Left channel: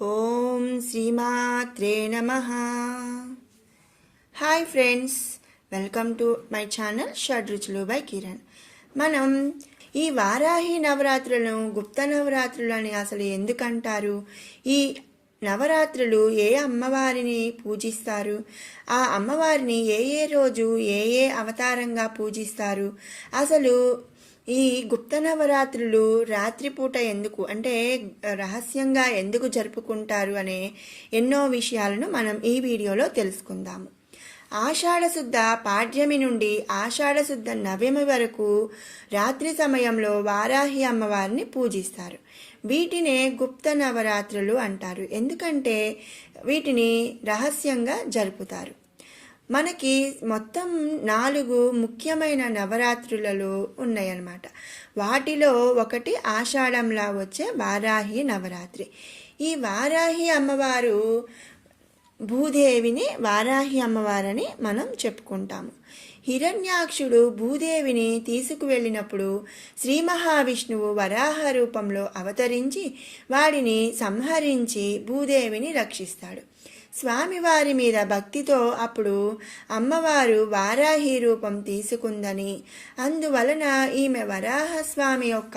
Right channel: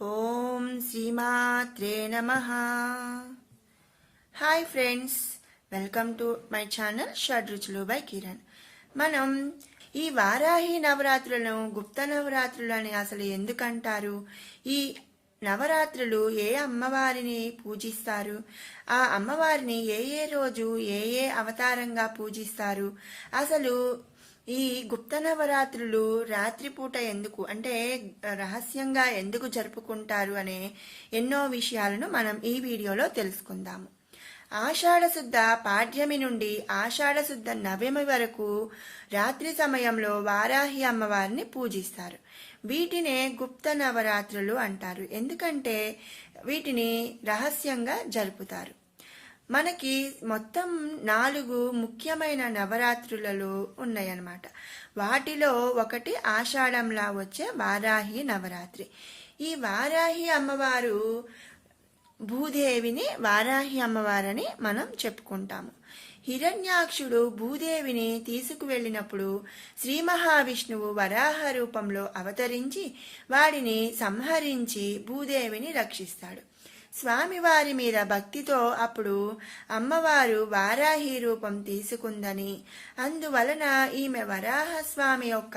ఓం శ్రీమాత్రే నమః. Hi friends, welcome to my channel Shadruchulu by Kiran. మనం ఈ వారాహి నవరాత్రులను గుప్త నవరాత్రులు అని అసలు ఎందుకంటారు? ఈ నవరాత్రులు ఏ అమ్మవారిని పూజిస్తారు? ఆ అమ్మవారిని ఏ రోజు ఏ అవతారంగా పూజిస్తారు? అసలు ఈ గుప్త నవరాత్రులు రాత్రిపూట ఎందుకు, అంటే రహస్యంగా ఎందుకు జరుపుకుంటారు అనే ఎన్నో విషయాలను మనం ఈ వీడియోలో తెలుసుకుందాము. ఆషాఢశుద్ధ పాడ్యమి నుండి ఆషాఢశుద్ధ నవమి వరకు రాత్రి సమయంలో వారాహి అమ్మవారిని పూజిస్తారు. వీటినే గుప్త నవరాత్రులు అంటారు. ఎందుకంటే వీటిని రహస్యంగా జరుపుతారు. మనకి మొత్తం 4 ముఖ్యమైన నవరాత్రులలో ఉన్నాయన్నమాట. వాటిలో ఒకటి ఆషాఢంలా వచ్చే వారాహి నవరాత్రి. ఈ వారాహి అమ్మవారు భూదేవిని వారాహి అమ్మవారని మనం చెప్పుకుంటాము. హిరణ్యాక్షుడు భూదేవిని తీసుకువెళ్ళినప్పుడు శ్రీ మహావిష్ణువు వరాహ రూపంలో అవతరించి వాడిని సంహరించి భూదేవిని రక్షిస్తాడు. స్వామివారి మీద భక్తితో అప్పుడు అమ్మవారు వారాహి రూపం తీసుకుందని, అందువలన ఈమె వరాహస్వామి యొక్క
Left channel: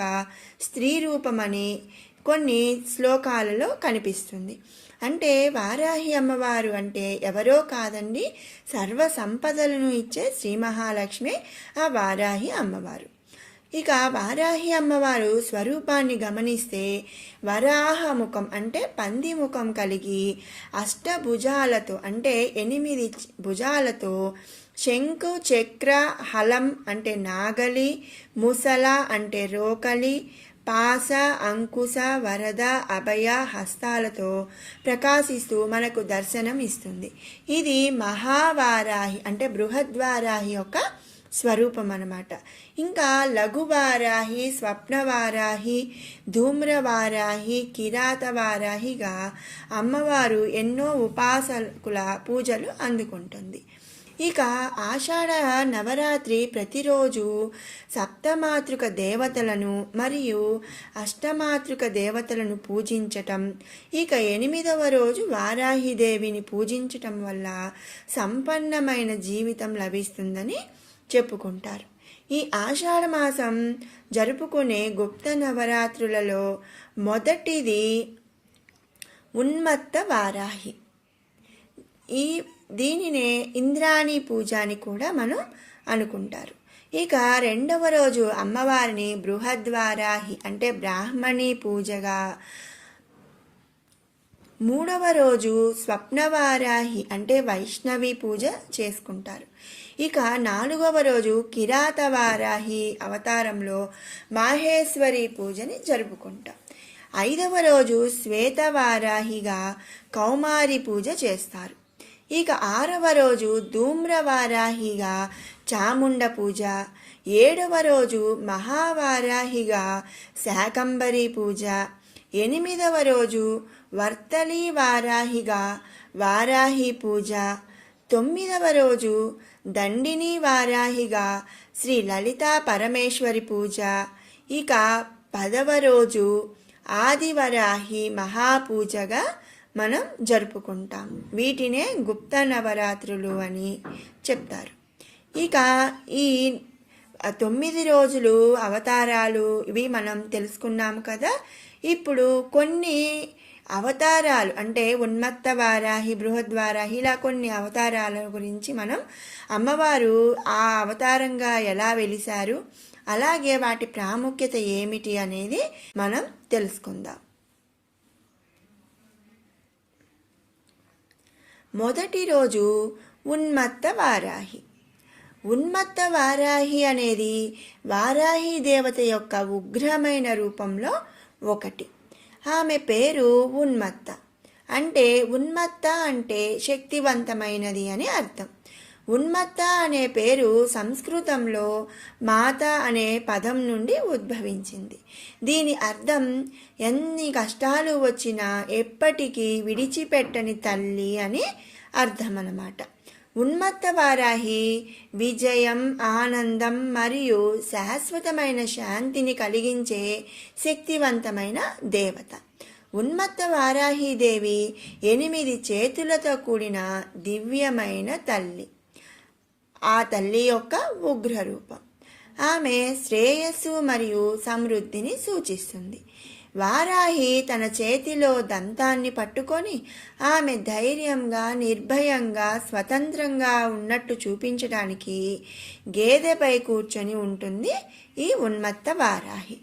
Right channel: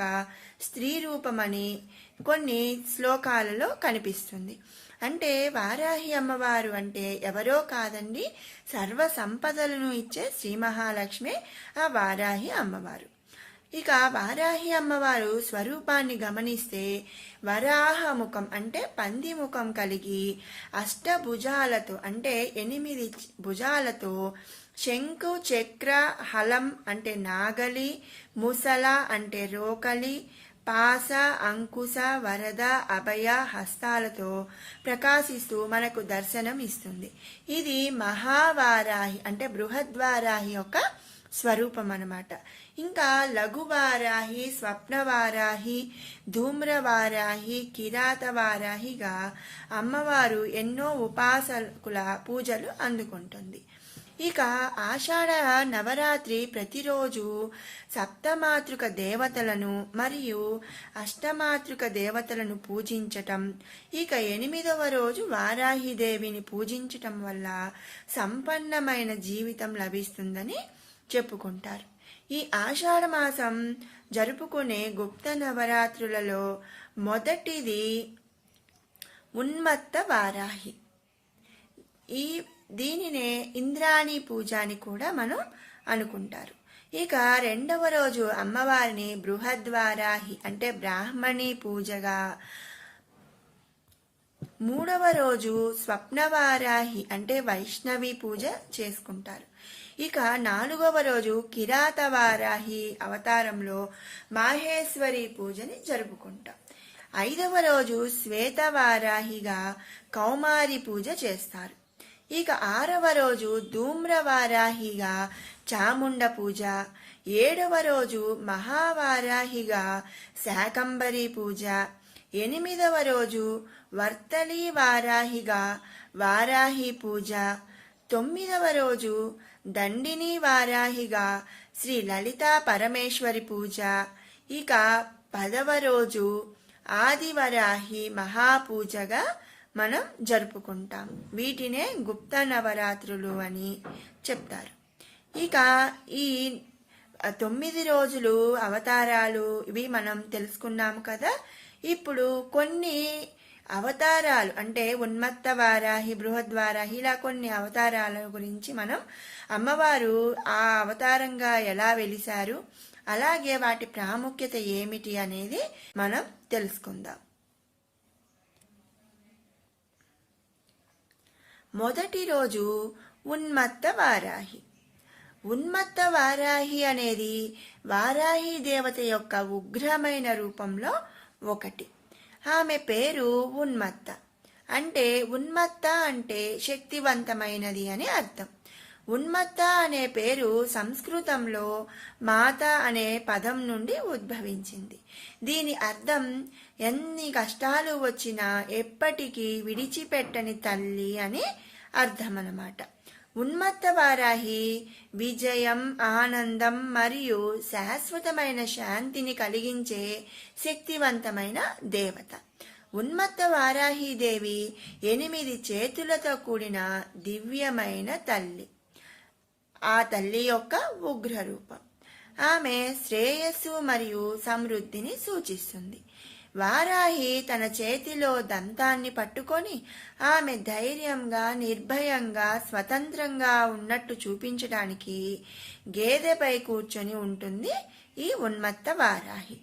స్త్రీ రూపమని కొన్ని శ్లోకాలలో కనిపిస్తుంది. అంటే వారాహి అమ్మవారు అంటే ఎవరో కాదండి, సర్వ సంపదలను ఇచ్చే శ్రీ మహాలక్ష్మి ఆ వారాహి అమ్మవారు. ఇక వారాహి అమ్మవారు స్వరూపాన్ని గమనిస్తే వరాహ ముఖం అంటే పంది ముఖం కలిగి అష్టభుజాలతో అంటే 8 భుజాలతో శంకు చక్ర హలం అంటే నాగలి, ముసల అంటే రోకలి, పాస అంకుశ వరద అభయ హస్తాలతో ప్రకాశిస్తూ మనకు దర్శనం ఇస్తుంది. ఇది మహావారాహి అంటే బృహద్వారాహి యొక్క స్వరూపం అన్నమాట. ఇంకా లఘువారాహి, స్వప్నవారాహి, ధూమ్రవారాహి, కిరాతవారాహిగా అమ్మవారు ఎన్నో ఉపాసకుల పూజలు అందుకుంటుంది. ఇక ఆషాఢ నవరాత్రి ప్రతిరోజు సప్తమాతృక దేవతలను మరియు అష్టమాతృక దేవతలను పూజించటం, ఇక 8వ రోజు వారాహిదేవిని పూజించటం వల్ల సంపన్నమైన జీవితం లభిస్తుందని చెప్పుకుంటారు. ఈ ఆషాఢ మాసం జరుపుకునే గుప్త నవరాత్రులలో మొదటిది ఉన్మత్త వారాహి. దీనినే ఇంద్రాణి పూజ అని కూడా మనం అనుకుంటారు. ఇక 2వ రోజు అమ్మవారిని బృహద్వారాహి అంటే బ్రాహ్మణి పూజగా, 3వ రోజు స్వప్నవారాహి అంటే వైష్ణవి పూజ చేసుకుంటారు. ఇక 4వ రోజు కిరాతవారాహి అవతారంలో మాహేశ్వరి పూజని జరుపుకుంటాం. 5వ రోజు శ్వేతవారాహిగా కౌమారి పూజ చేస్తారు. ఇక 6వ రోజు ధూమ్రవారాహిగా చాముండ పూజ, 7వ రోజు మహావారాహిగా శాకంబరి పూజ, 8వ రోజు వర్తలి వారాహిగా వారాహి పూజ, 9వ రోజు దండిని వారాహిగా శ్రీ లలితా పరమేశ్వరి పూజ, ఇక 10వ రోజు ఆదివరాహి మహాపూజగా మనం జరుపుకుంటాం. వీటినే గుప్త నవరాత్రులు అని చెప్తారు. ఇక ఈ 9 రోజులు అవతారాలు ఇవి మనం తెలుసుకున్నాము కదా. ఇప్పుడు కొన్ని అవతారాలు అంటే ఉన్మత్త వారాహి, బృహద్వారాహి ఇలా కొన్ని అవతారాల గురించి మనం అమ్మవారు ఆ అవతారంగా ఎలా వెలిశారు, అలాగే వాటి ప్రాముఖ్యత ఏమిటి అనేది మనం తెలుసుకుందాం. మొదటి రోజు ఉన్మత్త వారాహి. ఉన్మత్త వారాహి అనేది వారాహి దేవత యొక్క ఉగ్రమైన రూపంలో ఒకటి. ఆమె పేరు ఉన్మత్త. అంటే ఉన్మత్త అంటే శక్తివంతమైనది అని అర్థం. ఉన్మత్త అనే పేరు సంస్కృతంలో మాత అనే పదం నుండి ఉద్భవించింది. దీని అర్థం ఎన్ని కష్టాలు వచ్చినా ఎప్పటికీ విడిచిపెట్టని తల్లి అని అర్థం అన్నమాట. ఉన్మత్త వారాహి విజయం, ఆనందం మరియు శాశ్వతమైన శాంతిని కలిగించే శక్తివంతమైన దేవత. ఉన్మత్త వారాహీదేవి 8 చేతులతో కూడిన దివ్యమైన తల్లి. ఆ తల్లి యొక్క ఉగ్ర రూపం. ఆమె శ్రేయస్సు మరియు సమృద్ధిని సూచిస్తుంది. వారాహి తన చేతిలో దంతాన్ని పట్టుకొని ఆమె ధైర్యంగా, నిర్భయంగా, స్వతంత్రంగా ఉన్నట్టు చూపించడానికి గేదెపై కూర్చొని ఉంటుంది ఈ ఉన్మత్త వారాహి.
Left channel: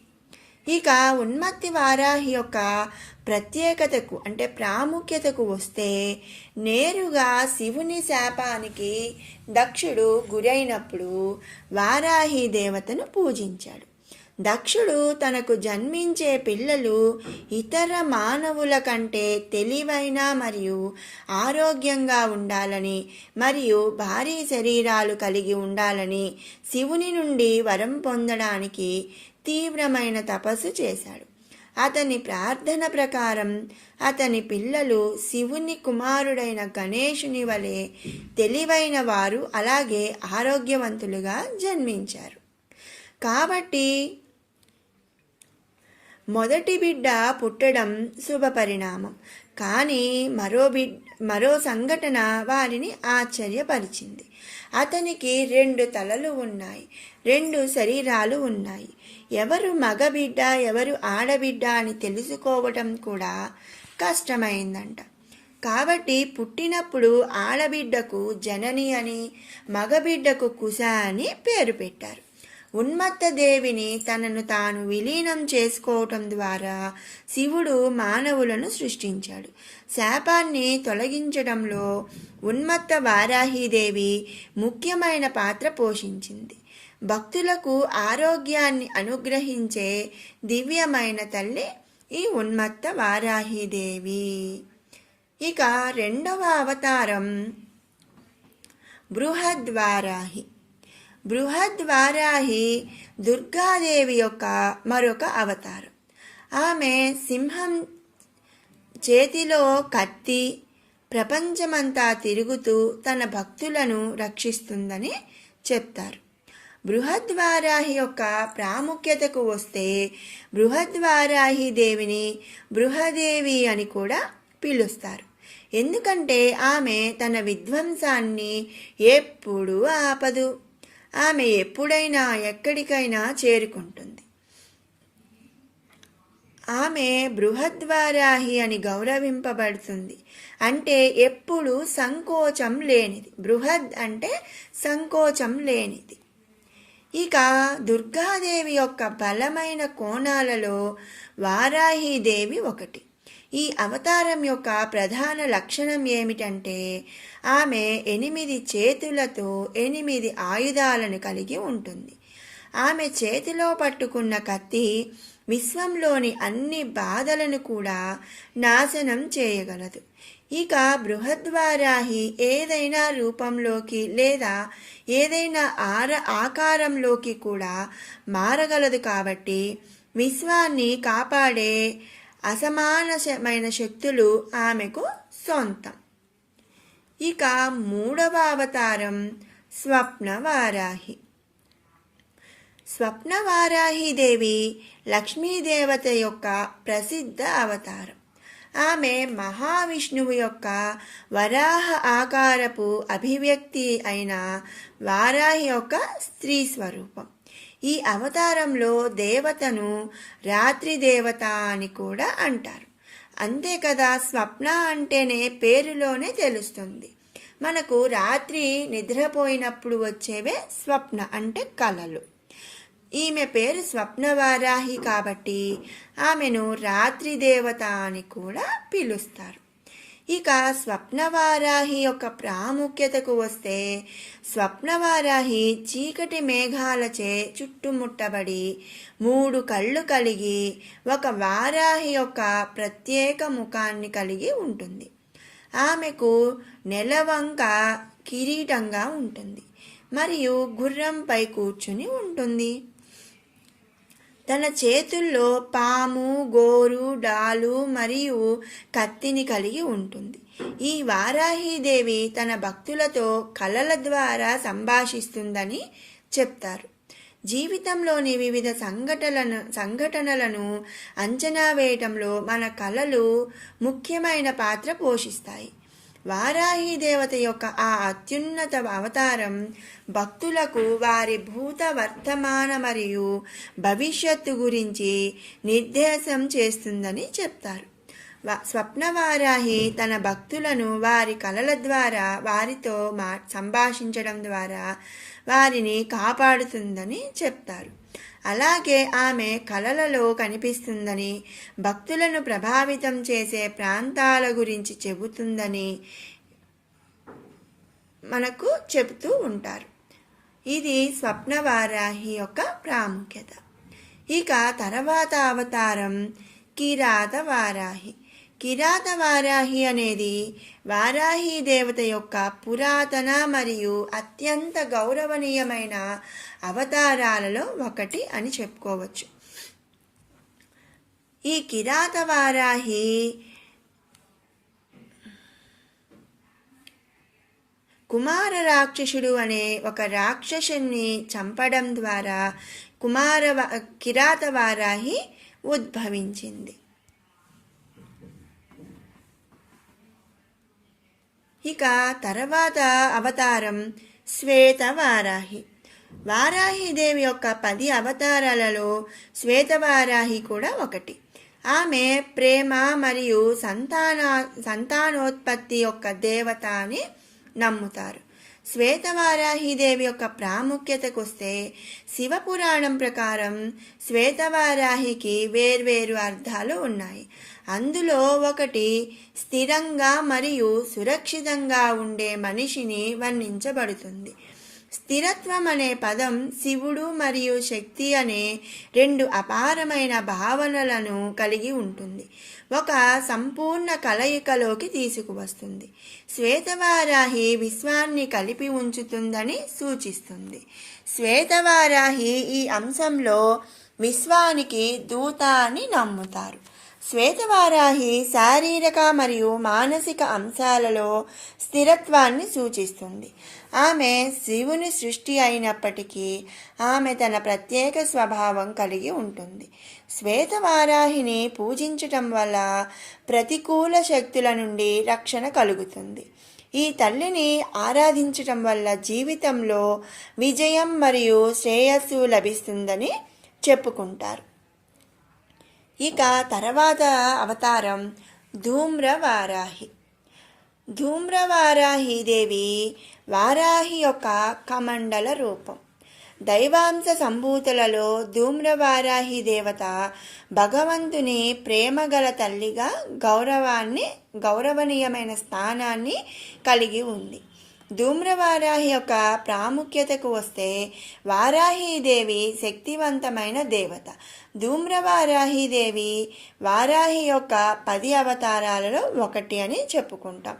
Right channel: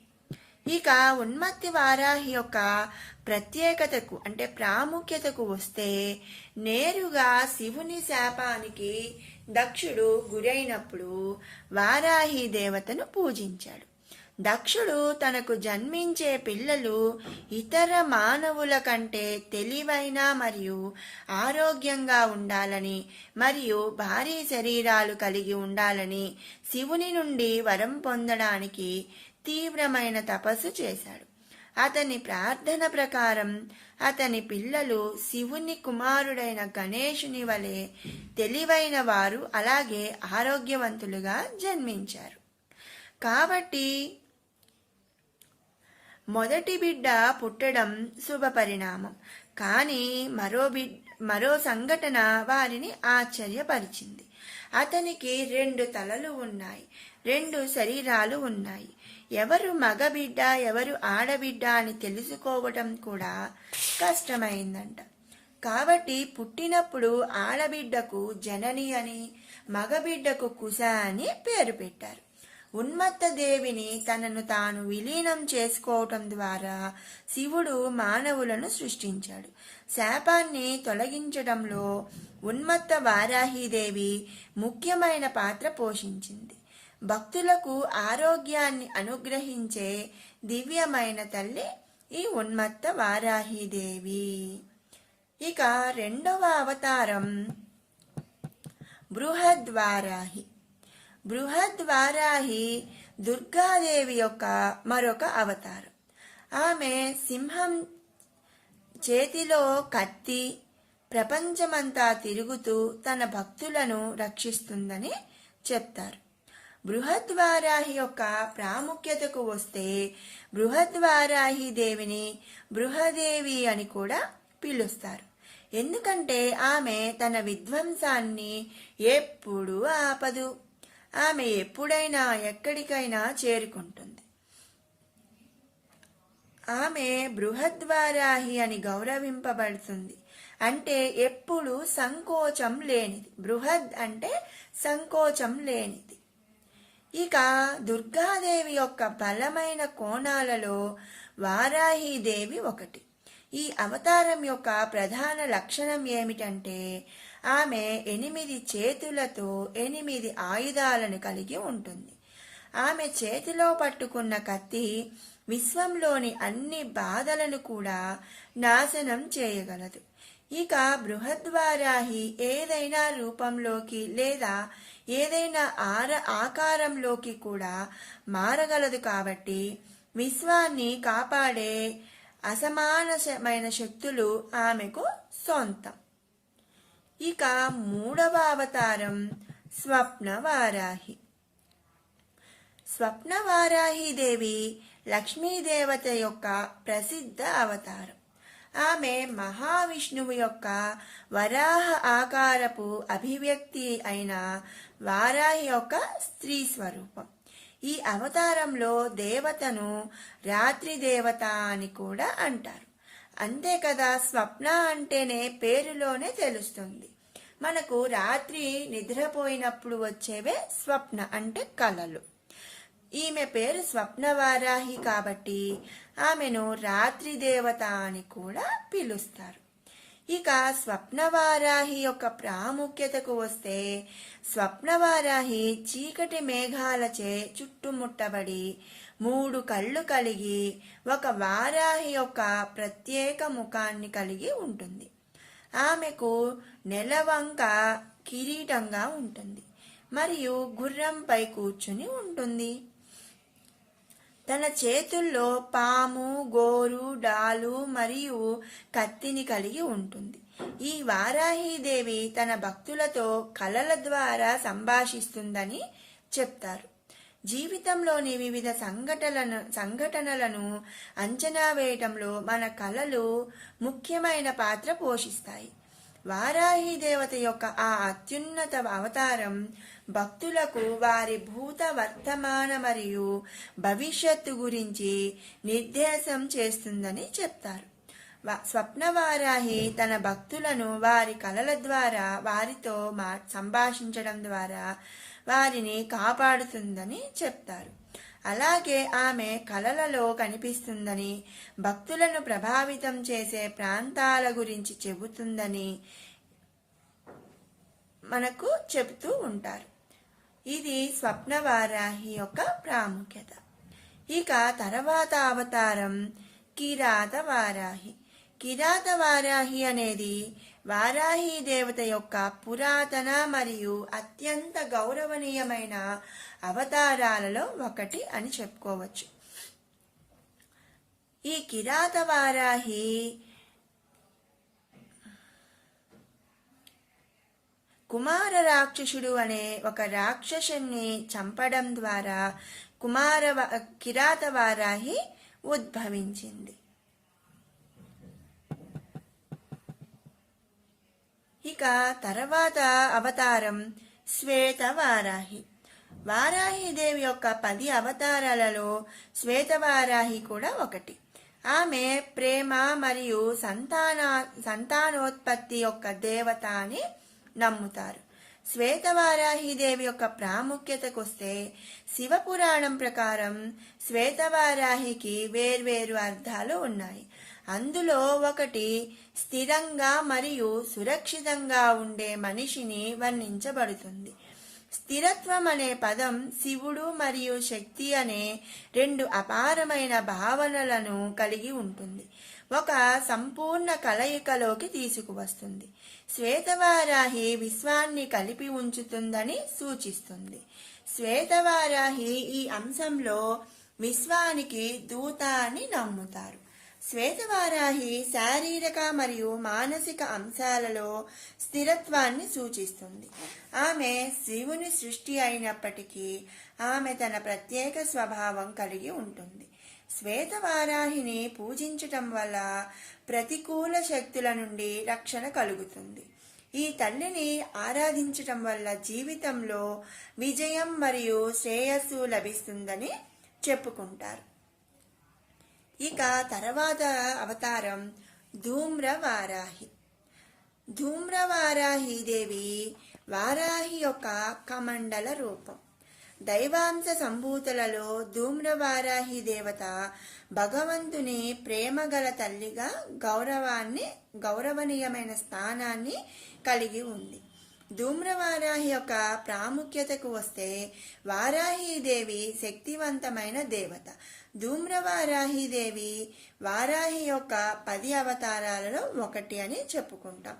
ఇక ఉన్మత్తి వారాహి యొక్క ప్రత్యేకతకు అంటే ప్రాముఖ్యతకు వస్తే, నేరుగా శివుని శాపానికి దక్షుడు గురైనప్పుడు వారాహి దేవతను పూజించాడు. దక్షుడు తనకు జన్మించే పిల్లలు ఇతర మానవుల కంటే తెలివైన మరియు ఆరోగ్యంగా ఉండాలని మరియు భారీ శరీరాలు కలిగి ఉండాలని శివుని నుండి వరం పొందడానికి తీవ్రమైన తపస్సు చేశాడు. అతని ప్రార్థన ప్రకారం అతని పిల్లలు శివుని కుమారుడైన గణేశుని వలె తెలివైన వారు, అలాగే ఆరోగ్యవంతులుగా జన్మించారు. కాబట్టి మొదటి బిడ్డ పుట్టడం శుభపరిణామం. కానీ మరో సంఘటన వారిని ఆశ్చర్యపరిచింది. అతనికి 2 తలలు ఉన్నాయి, 2 శరీరాలు ఉన్నాయి. ఎవరు మగబిడ్డ, ఎవరు ఆడబిడ్డ అని తెలుసుకోవటం కూడా కష్టమైందంట. కాబట్టి పుట్టినప్పుడు ఆడబిడ్డకు జనని అని, మగబిడ్డకు కుశ అని పేరు పెట్టారు. ఉన్మత్త దేవిని తనను తాను విలీనం చేసుకోవటం ద్వారా శివుడు మానవులను సృష్టించాడు. శాపాన్ని తొలగించడంలో ఉన్మత్త వారాహీదేవి ముఖ్యమైన పాత్ర పోషించింది. భక్తులకు ఆరోగ్యాన్ని అనుగ్రహించే దివ్యమైన తల్లి ఈ ఉన్మత్త వారాహీదేవి. ఇక 2వ అవతారం బృహద్వారాహి. బృహద్వారాహి దుర్గాదేవి యొక్క మరొక అవతారం. ఆమె సింహం చేతిలో కత్తి, ప్రపంచమంతా తిరుగుతూ తన భక్తులను రక్షిస్తుందని చెప్తారు. బృహద్వారాహి యొక్క ప్రాముఖ్యతకు వస్తే, బృహద్వారాహి దేవిని బృహదేవి అని కూడా పిలుస్తారు. ఎందుకంటే ఆమె తన విధ్వంసాన్ని ఎప్పుడూ ఆపదు. ఆమె ఎప్పుడైనా ఎక్కడికైనా చేరుకుంటుంది. ఆమె బృహద్వారాహి అని గౌరవింపబడుతుంది. అంటే ఎప్పుడు సంకోచం లేనిది. బృహద్ అంటే సంకోచం లేనిది. ఇక దుర్గాదేవి యొక్క బలమైన కోణాలలో వారాహీదేవి ఒకటి. ఈ అవతారం యొక్క ప్రధాన లక్షణం ఏమిటంటే, ఆమె 8 చేతులతో 8 ఆయుధాలను కలిగి ఉంటుంది. ఆమె చేతిలో పట్టుకున్న కత్తి విశ్వంలోని అన్ని బాధలను కూడా నాశనం చేయగలదు. ఇక బృహద్వారాహి ఏదైనా రూపంలోకి లేదా ఏదైనా ఆకారంలోకి కూడా మారగలదు. కాబట్టి విశ్వాన్ని కాపాడే అసమానమైన శక్తులు ఆమెకు సొంతం. ఇక 3వ అవతారం స్వప్నవారాహి. స్వప్నవారాహీదేవి లక్ష్మీదేవత యొక్క ప్రసిద్ధ అవతారం. ఆమె మహావిష్ణువు యొక్క వరాహ ఆకారపు అభివ్యక్తి అయిన వారాహి యొక్క స్త్రీ స్వరూపం. ఈ అవతారంలో దేవతను రాత్రి దేవత అని కూడా అంటారు. అంతే కదా, స్వప్న అంటేనే పేరులోనే తెలుస్తుంది మనకు. రాత్రి నిద్రపోయినప్పుడు వచ్చేవే స్వప్న అంటే కలలు. ఈమె పేరు స్వప్నవారాహి కాబట్టి ఆమెను రాత్రి దేవత అని కూడా పిలుస్తారు. ఇక స్వప్నవారాహి యొక్క ప్రాముఖ్యతకు వస్తే, స్వప్నవారాహి చీకటి మేఘాలచే చుట్టుముట్టబడి 3 కళ్ళు కలిగి ఒక వారాహి యొక్క ప్రత్యేక ముఖాన్ని కలిగి ఉంటుంది. ఆమెకు నెలవంక కిరీటంగా ఉంటుంది మరియు గుర్రంపై కూర్చుని ఉంటుంది. తన చేతుల్లో పాము, గోరు, డాలు మరియు కత్తిని కలిగి ఉంటుంది. ఈ వారాహీదేవి తన భక్తులతో కలల ద్వారా సంభాషిస్తుందని చెప్తారు. జీవితంలోని వివిధ సంఘటనలను అంచనా వేయటంలో మన కళలు ముఖ్యమైన పాత్ర పోషిస్తాయి. వారాహి దేవత యొక్క ఆ అత్యున్నత అవతారం భక్తులకు వారి భూత, వర్తమాన మరియు భవిష్యత్తు గురించి నిర్దేశం చేస్తుందని చెప్తారు. స్వప్నవారాహి తన భక్తులను వారి కళల ద్వారా వారితో సంభాషించడం ద్వారా వారిని కాపాడుతుందని చెప్తారు. అలాగే ఆమె కళలలో కనిపిస్తుందని, భక్తులను ప్రభావితం చేసే ప్రాంతాల గురించి చెబుతుందని మనకు చెబుతూ ఉంటారు. ఇది స్వప్నవారాహి యొక్క ప్రాముఖ్యత. ఇక తర్వాత అవతారం కిరాతవారాహి. కిరాతవారాహి అనేది వారాహి దేవత యొక్క పురాతన మరియు అత్యంత గౌరవనీయమైన అవతారాలలో ఒకటి అని చెప్పుకోవచ్చు. ఈ కిరాతవారాహి కుమార రాక్షసుడు అనే ఒక రాక్షసుని చంపడం ద్వారా కిరాతవారాహి ఉద్భవించింది. ఇక తర్వాత అవతారం శ్వేతవారాహి. వారాహిదేవి యొక్క 10 అవతారాలలో శ్వేతవారాహి కూడా ఒకటి. ఆమె ప్రేమ మరియు సంతానోత్పత్తి యొక్క దేవత అని నమ్ముతారు. శ్వేతవారాహిదేవి యొక్క ప్రాముఖ్యతకు వస్తే, శివపురాణం ప్రకారం శ్వేతవారాహికి వేర్వేరు అర్థాలు ఉన్నాయి. అందులో ఒకటి స్థిరంగా మరియు సురక్షితంగా ఉండే మనిషిని వర్ణించబడుతుంది. స్థిరత్వం అనే పదం శివుడు మరియు శక్తి అనే 2 అపారమైన భావనలను కలిగి ఉంటుంది. ఒక సంపూర్ణ కలయికలోకి తీసుకువస్తుంది. శ్వేతవారాహి విశ్వాన్ని కలిపి ఉంచుతుందని సూచిస్తుంది. శ్వేతవారాహి ఈ అంశంలో విశ్వానికి దూత అని నమ్ముతారు. శ్వేతవారాహి శారీరక మరియు మానసిక అంశాలలో స్థిరత్వాన్ని సూచిస్తుంది. ఆమె శివుని సృష్టి అయినప్పటికీ ఆమె తన ప్రత్యేక స్వభావం కలిగి ఉంటుంది. శ్వేతవారాహిని పూజించటం వల్ల ప్రతికూల శక్తుల నుండి రక్షణ కలుగుతుంది. ఈ తల్లిని ఆరాధించటం వల్ల జీవితంలో విజయం మరియు శ్రేయస్సు లభిస్తుందని చెప్పుకుంటారు. ఇక తర్వాత అవతారం ధూమ్రవారాహి. ధూమ్రవారాహి దేవి వారాహి యొక్క కమండల రూపం. దైవాంశ సంభూతులలో ధూమ్రవారాహి దేవత భగవంతుని ప్రేమగల తల్లిగా గౌరవనీయమైన స్థానాన్ని కలిగి ఉంది. ధూమ్రవారాహి యొక్క ప్రాముఖ్యతకు వస్తే, వారాహిదేవి శక్తివంతమైన దేవత. ధూమ్రవారాహిదేవి వారాహి యొక్క 10 అవతారాలలో ఒకటి అని చెప్పుకుంటాం.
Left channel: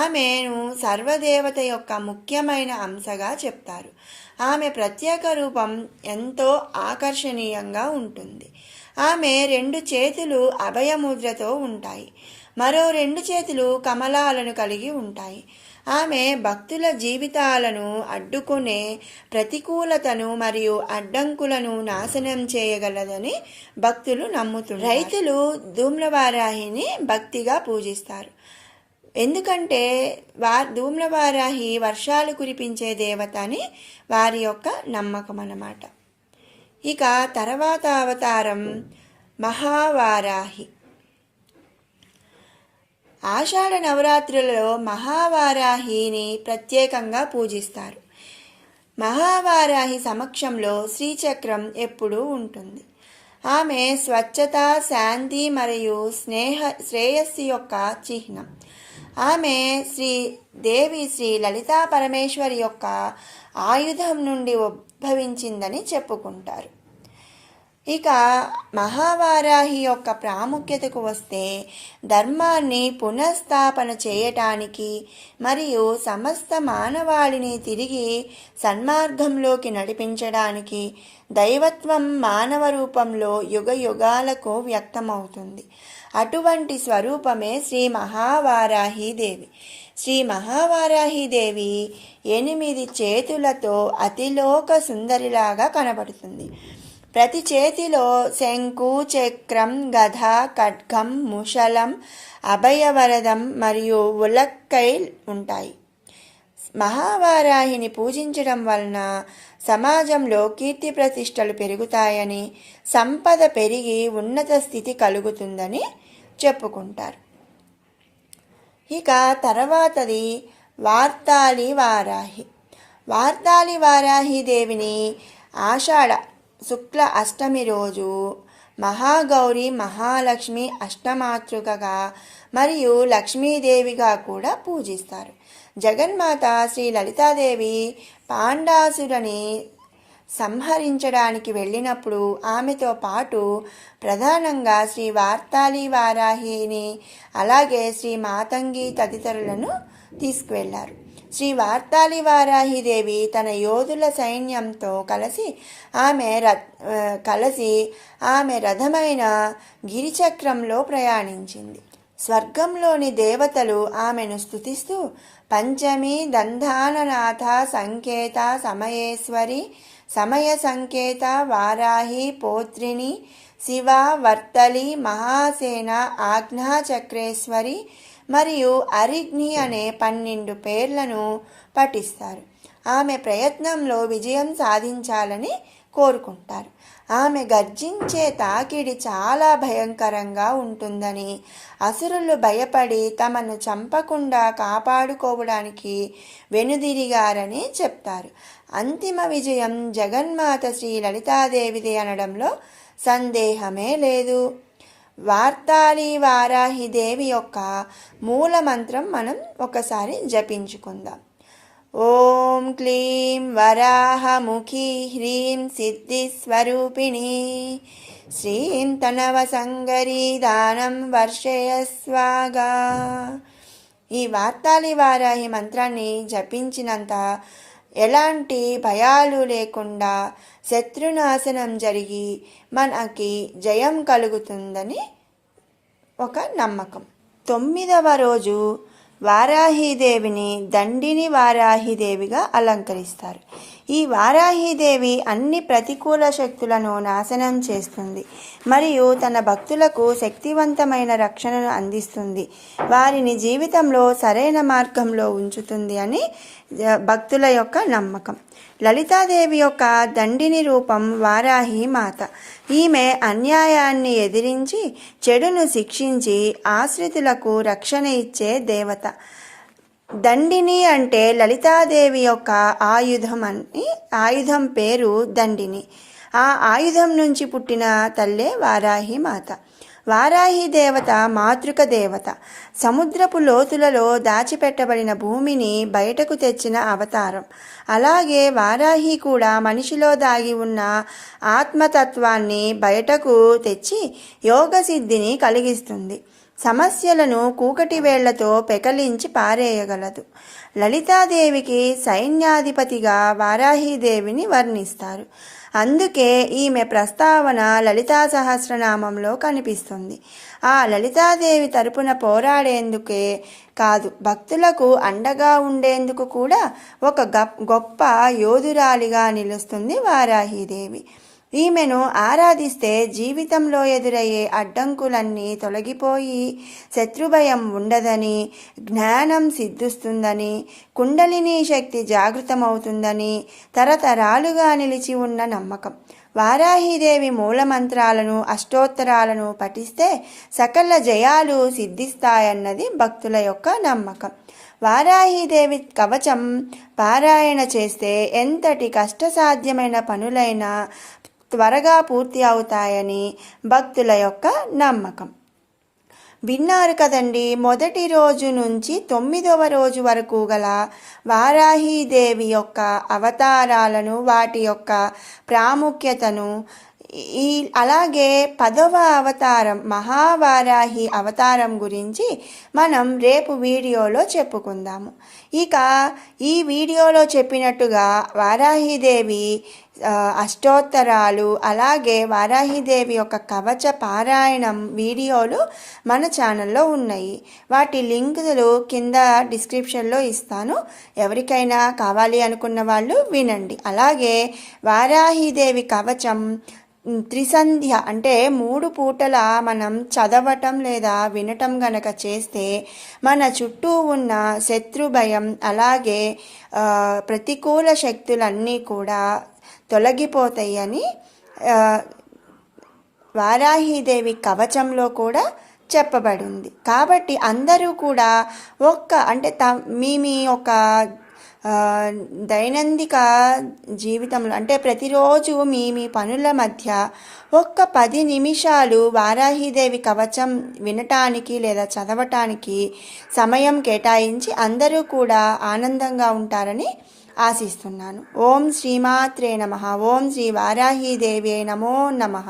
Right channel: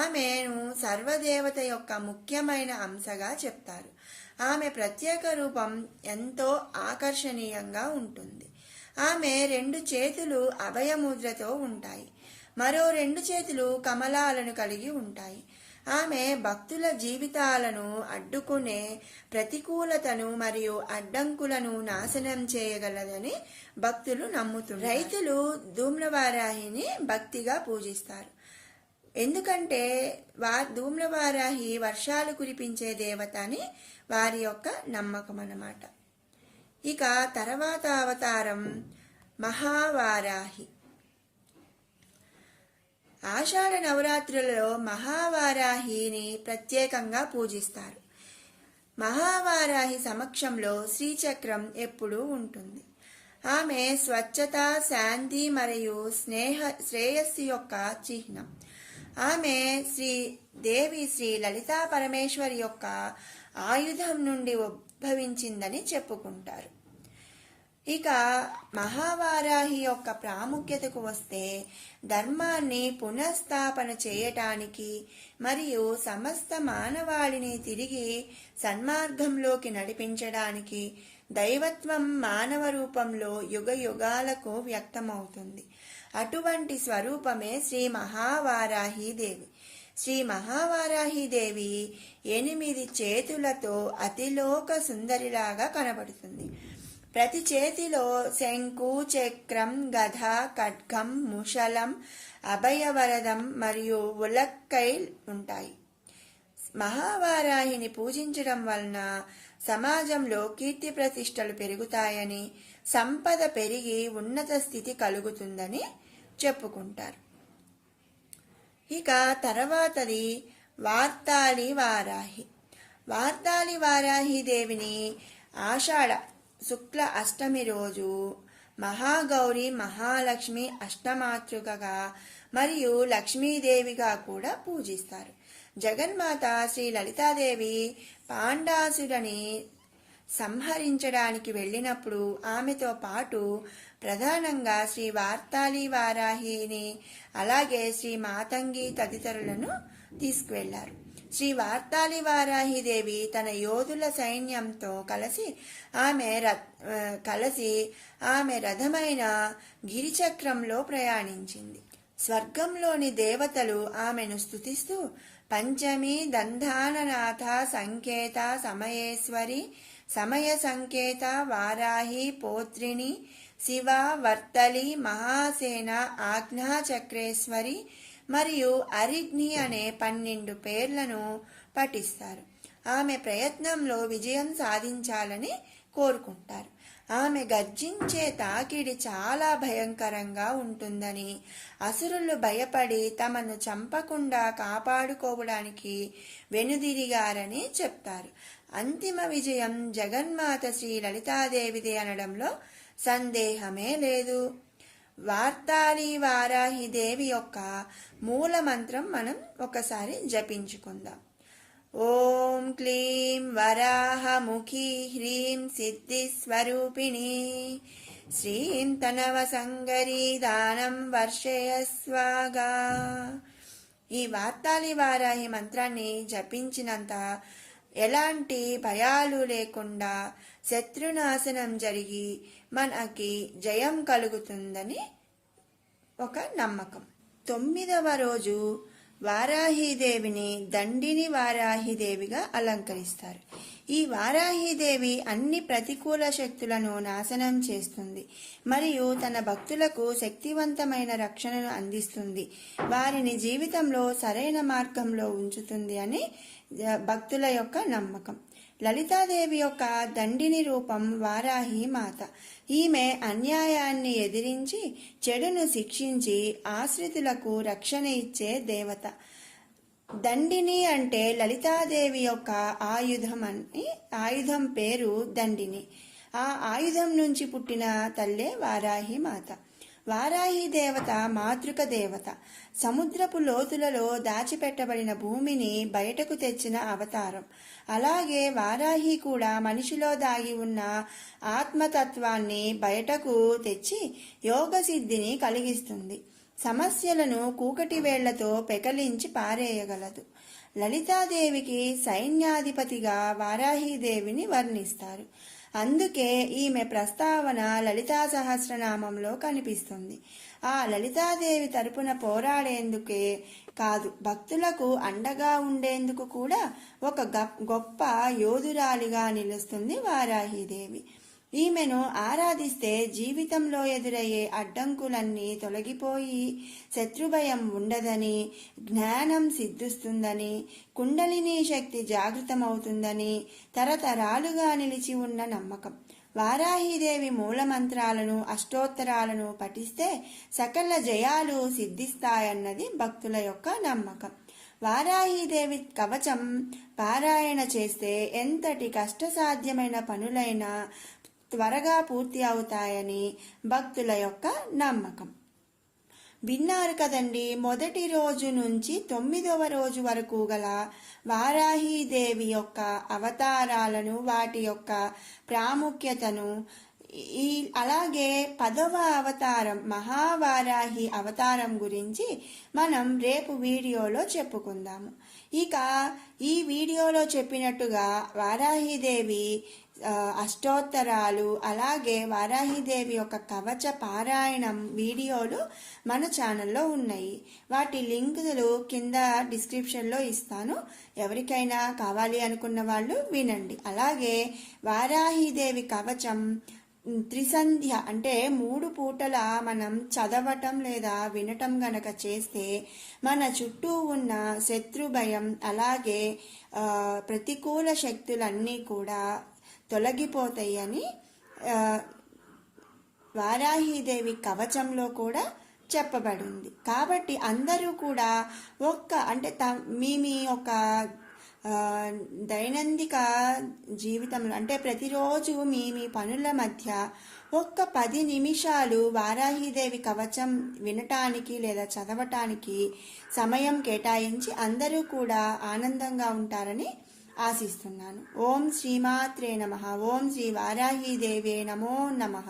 ఆమెను సర్వదేవత యొక్క ముఖ్యమైన అంశగా చెప్తారు. ఆమె ప్రత్యేక రూపం ఎంతో ఆకర్షణీయంగా ఉంటుంది. ఆమె 2 చేతులు అభయముద్రతో ఉంటాయి. మరో 2 చేతులు కమలాలను కలిగి ఉంటాయి. ఆమె భక్తుల జీవితాలను అడ్డుకునే ప్రతికూలతను మరియు అడ్డంకులను నాశనం చేయగలదని భక్తులు నమ్ముతున్నారు. రైతులు ధూమ్రవారాహిని భక్తిగా పూజిస్తారు. ఎందుకంటే ధూమ్రవారాహి వర్షాలు కురిపించే దేవత అని వారి యొక్క నమ్మకం అన్నమాట. ఇక తర్వాత అవతారం మహావారాహి. ఆషాఢ నవరాత్రులలో మహావారాహిని ప్రత్యేకంగా పూజిస్తారు. మహావారాహి సమక్షంలో శ్రీచక్రం ఎప్పుడూ ఉంటుంది. ఆమె స్వచ్ఛత, శాంతి మరియు శ్రేయస్సు యొక్క చిహ్నం. ఆమె దేవి శ్రీ లలితా పరమేశ్వరి యొక్క ఆయుధం నుండి ఉద్భవించిందని చెప్పుకుంటారు. ఇక మహావారాహి యొక్క ప్రాముఖ్యతకు వస్తే, ధర్మాన్ని పునఃస్థాపన చేయటానికి మరియు సమస్త మానవాళిని తిరిగి సన్మార్గంలోకి నడిపించడానికి దైవత్వం మానవ రూపంలో యుగ యుగాలకు వ్యక్తమవుతుంది. అటువంటి స్వరూపమే శ్రీ మహావారాహీదేవి. శ్రీ మహావారాహీదేవి 8 చేతులతో అతిలోక సుందరిలాగా కనబడుతుంది. ప్రతి చేతిలో శంకు, చక్రం, గద, ఖడ్గం, ముషలం, అభయవరదం మరియు ఉలక్కై ఉంటాయి. మహావారాహిని పూజించడం వలన సమాజంలో కీర్తి ప్రతిష్టలు పెరుగుతాయని, సంపద పెరిగి ఉన్నత స్థితి కలుగుతుందని చెప్పుకుంటారు. ఇక తర్వాతది వార్తాళి వారాహి. వార్తాళి వారాహి దేవిని ఆషాఢ శుక్ల అష్టమి రోజు మహాగౌరి, మహాలక్ష్మి, అష్టమాతృకగా మరియు లక్ష్మీదేవిగా కూడా పూజిస్తారు. జగన్మాత శ్రీ లలితాదేవి పాండాసురని సంహరించడానికి వెళ్ళినప్పుడు ఆమెతో పాటు ప్రధానంగా శ్రీ వార్తాళి వారాహిని, అలాగే శ్రీ మాతంగి తదితరులను తీసుకువెళ్లారు. శ్రీ వార్తాళి వారాహిదేవి తన యోధుల సైన్యంతో కలిసి ఆమె రథమైన గిరిచక్రంలో ప్రయాణించింది. స్వర్గంలోని దేవతలు ఆమెను స్తుతిస్తూ పంచమి దంధాననాథ సంకేత సమయేశ్వరి, సమయ సంకేత వారాహి పౌత్రిని, శివ వర్తలి, మహాసేన, ఆజ్ఞాచక్రేశ్వరి మరియు అరిగ్ని అనే 12 పేర్లను పఠిస్తారు. ఆమె ప్రయత్నంలో విజయం సాధించాలని కోరుకుంటారు. ఆమె గర్జించే తాకిడి చాలా భయంకరంగా ఉంటుందని, అసురులు భయపడి తమను చంపకుండా కాపాడుకోవడానికి వెనుదిరిగారని చెప్తారు. అంతిమ విజయం జగన్మాత శ్రీ లలితాదేవిది అనడంలో సందేహమే లేదు. వార్తాళి వారాహిదేవి యొక్క మూల మంత్రం మనం ఒకసారి జపించుకుందాం. ఓం క్లీం వరాహముఖీ హ్రీం సిద్ధిస్వరూపిణి శ్రీం తనవ సంగరీ దానం వర్షయస్వాగా. ఈ వార్తాళి వారాహి మంత్రాన్ని జపించినంత ఎలాంటి భయాలు లేకుండా శత్రునాశనం జరిగి మనకి జయం కలుగుతుందని ఒక నమ్మకం. 9వ రోజు వారాహీదేవిని దండిని వారాహీదేవిగా అలంకరిస్తారు. ఈ వారాహీదేవి అన్ని ప్రతికూల శక్తులను నాశనం చేస్తుంది మరియు తన భక్తులకు శక్తివంతమైన రక్షణను అందిస్తుంది. వారిని జీవితంలో సరైన మార్గంలో ఉంచుతుంది అని భక్తుల యొక్క నమ్మకం. లలితాదేవి యొక్క దండిని రూపం వారాహి మాత. ఈమె అన్యాయాన్ని ఎదిరించి చెడును శిక్షించి ఆశ్రితులకు రక్షణ ఇచ్చే దేవత. దండిని అంటే లలితాదేవి యొక్క ఆయుధం పేరు దండిని. ఆ ఆయుధం నుంచి పుట్టిన తల్లే వారాహి మాత. వారాహి దేవత మాతృక దేవత. సముద్రపు లోతులలో దాచిపెట్టబడిన భూమిని బయటకు తెచ్చిన అవతారం. అలాగే వారాహి కూడా మనిషిలో దాగి ఉన్న ఆత్మతత్వాన్ని బయటకు తెచ్చి యోగ సిద్ధిని కలిగిస్తుంది. సమస్యలను కూకటి వేళ్లతో పెకలించి పారేయగలదు. లలితాదేవికి సైన్యాధిపతిగా వారాహిదేవిని వర్ణిస్తారు. అందుకే ఈమె ప్రస్తావన లలితా సహస్రనామంలో కనిపిస్తుంది. ఆ లలితాదేవి తరపున పోరాడేందుకే కాదు, భక్తులకు అండగా ఉండేందుకు కూడా ఒక గొప్ప యోధురాలిగా నిలుస్తుంది వారాహిదేవి. ఈమెను ఆరాధిస్తే జీవితంలో ఎదురయ్యే అడ్డంకులన్నీ తొలగిపోయి శత్రుభయం ఉండదని, జ్ఞానం సిద్ధిస్తుందని, కుండలిని శక్తి జాగృతమవుతుందని తరతరాలుగా నిలిచి ఉన్న నమ్మకం. వారాహిదేవి మూలమంత్రాలను, అష్టోత్తరాలను పఠిస్తే సకల జయాలు సిద్ధిస్తాయన్నది భక్తుల యొక్క నమ్మకం. వారాహిదేవి కవచం పారాయణ చేస్తే ఎంతటి కష్టసాధ్యమైన పనులైనా త్వరగా పూర్తి అవుతాయని భక్తుల యొక్క నమ్మకం. విన్నారు కదండి, మొదటి రోజు నుంచి 9వ రోజు వరకు గల వారాహిదేవి యొక్క అవతారాలను, వాటి యొక్క ప్రాముఖ్యతను, అలాగే 10వ అవతారం మహావారాహి అవతారం గురించి మనం రేపు వీడియోలో చెప్పుకుందాము. ఇక ఈ వీడియోలో చెప్పినట్టుగా వారాహిదేవి అష్టోత్తరాలు, అలాగే వారాహిదేవి యొక్క కవచ పారాయణం వీడియోలు మన ఛానల్లో ఉన్నాయి. వాటి లింకులు కింద డిస్క్రిప్షన్లో ఇస్తాను. ఎవరికైనా కావాలి అనుకున్న వాళ్ళు వినండి. అలాగే వారాహిదేవి కవచం త్రిసంధ్య అంటే 3 పూటల మనం చదవటం లేదా వినటం గనక చేస్తే మన చుట్టూ ఉన్న శత్రు భయం, అలాగే ప్రతికూల శక్తులన్నీ కూడా తొలగిపోతాయని వారాహిదేవి కవచంలో కూడా చెప్పబడింది. కాబట్టి అందరూ కూడా అంటే మీ ఒక దైనందిక జీవితంలో అంటే ప్రతిరోజు మీ పనుల మధ్య 10 నిమిషాలు వారాహిదేవి కవచం వినటానికి లేదా చదవటానికి సమయం కేటాయించి అందరూ కూడా ఆనందంగా ఉంటారని ఆశిస్తున్నాను. ఓం శ్రీమాత్రే నమః. ఓం శ్రీ వారాహిదేవ్యై నమో నమః.